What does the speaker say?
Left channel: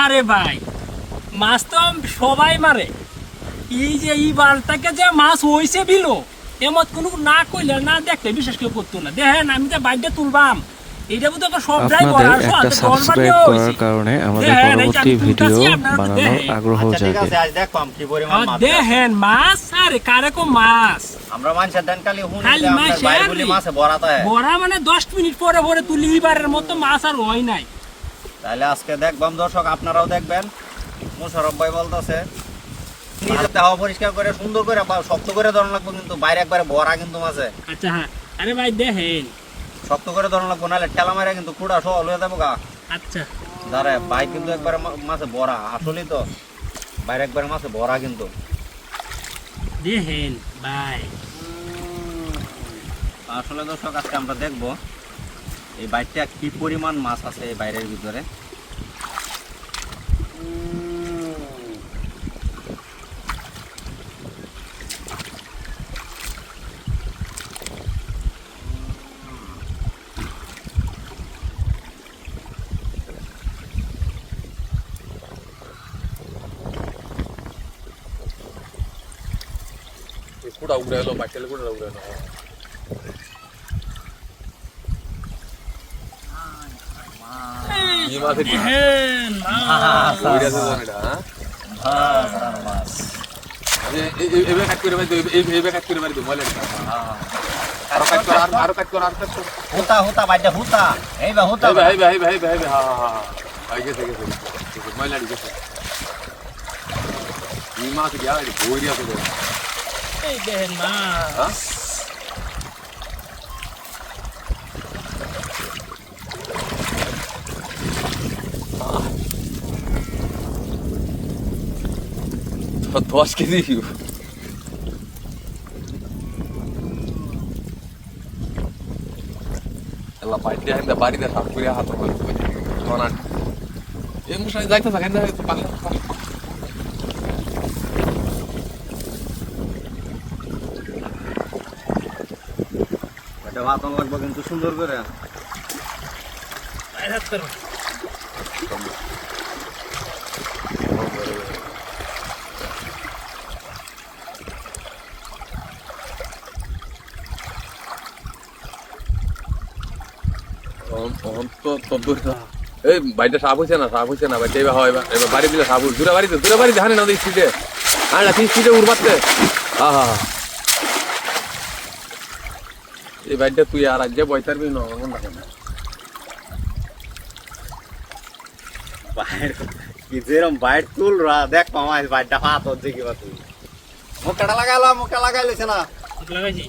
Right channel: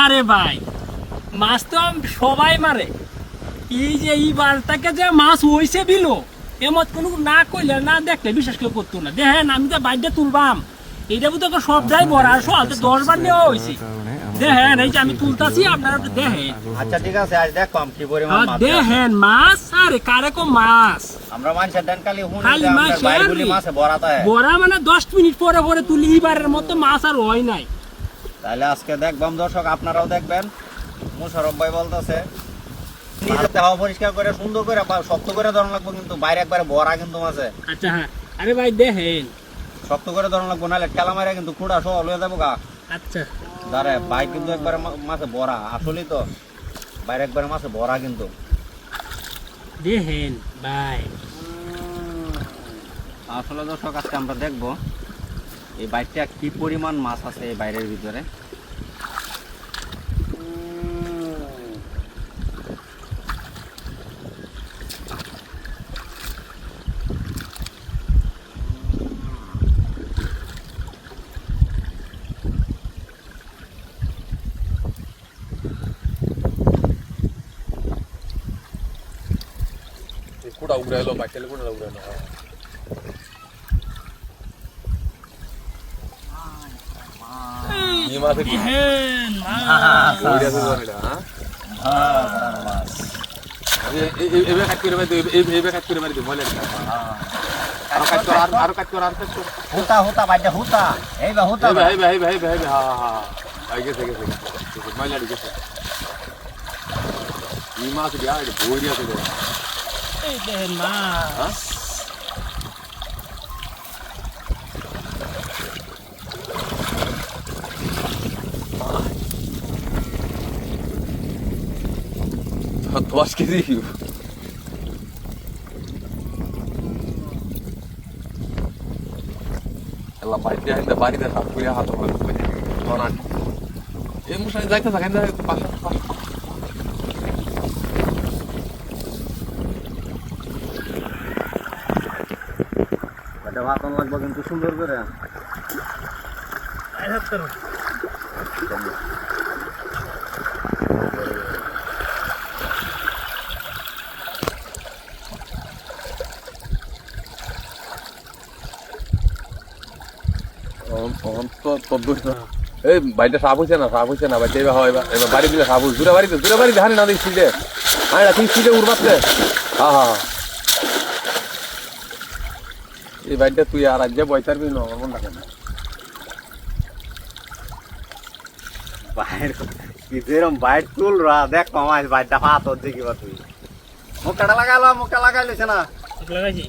আরে ভাই মাছ তো সবাই মারে, এই যে এই বালটাকে যে মাছ হইছে বিলো এমত কোনো না কইলে না দেখলে বিশেষ করে করতো না। দেখেন আমি তো বাইরে তুলবাম, এইটা বুঝতে সবটাই বড় আর সব দশ বাড়িও হইছে। দেখেন এই যে আমি তুলতাছি আপনারা দেখেন। আচ্ছা ঠিক আছে, আজ দেখলাম কি পরিমাণ মাছ। দেখেন মাছ আরে কারেকো মাছ আমরা মানুষের ডান কালি হুন খালি মাছ বাইরগুলি মাছে ভরাতা হয়। বড়া মানে 10 মিনিট পরে পরে তুলি এবারের মতো মাছ আর হয় নাই। তাহলে আজকে দেখবাম দর্শক, আপনারাও দেখবেন। মুশারফ ভাই বলতেছে মাছটা হাওয়া পরিষ্কার করে সুন্দর করে শক্ত করে ধরন লাগবে, কিন্তু বাইরে একবারে ভরা কিন্তু মাছে। আচ্ছা হ্যাঁ, আরে ভাই দেখেন শক্ত করে ধরন লাগবে, নাহলে ঠেলা মারে কিন্তু কুড়া সহ লয়ে যাবো গা। আচ্ছা দাঁড়ে বাইক কিন্তু একবারে মাছে ভরা, আসলেই তো বাইরে একবারে মাছে ভরা কিন্তু। দেখেন ভাই আসলে দর্শক আজকে আমরা দেখবো এই বাইকটা কি পরিমাণ মাছ আছে এই বাইরের ভিতরে। कुठं उघडायला बाटल्याला कुठं उघडायला ये माझं দেখেন মাছ এবে কাট করে বাড়ি এবে কাট করে বাড়ি বলে আর কাট কর আর কাট কর আর কাট কর হুতা হুতা বাইটা হুতা এইবা হুতা ভাই ভাই ভাই ভাই হ্যাঁ হ্যাঁ আই গেছে গেছে মাইলাড়ি গেছে এই মাছ গিয়া ভোরিয়া করে এই দেখেন মাছ দশ কেজি আল্লাহ বাড়িতে আইন্দা বাড়িতে হাত করে হাত করে ধরান এই মুশাই যাইতে থাকেন না পাশে বাইটা ভাত লাগবে কিন্তু সুন্দর করে। এই বাড়িটা সাপ হয়েছে না বাড়িতে এবার বাড়ি দিলে সাপ হয়েছে দূরে বাড়ি জানি না স্ত্রীকে হ্যাঁ এখন স্ত্রীকে উড়বাচ্ছে হ্যাঁ হ্যাঁ এই বাড়িটা তুই আর আজকে বই পারবি না আমার মনে না বাইর কি যেরম বাইর তুল রা দেখ মামা বাইরটা হাত হচ্ছে কি বা তুই মুখটা লাগাইলাম, মুখটা লাগাইলিস না লাগাইছি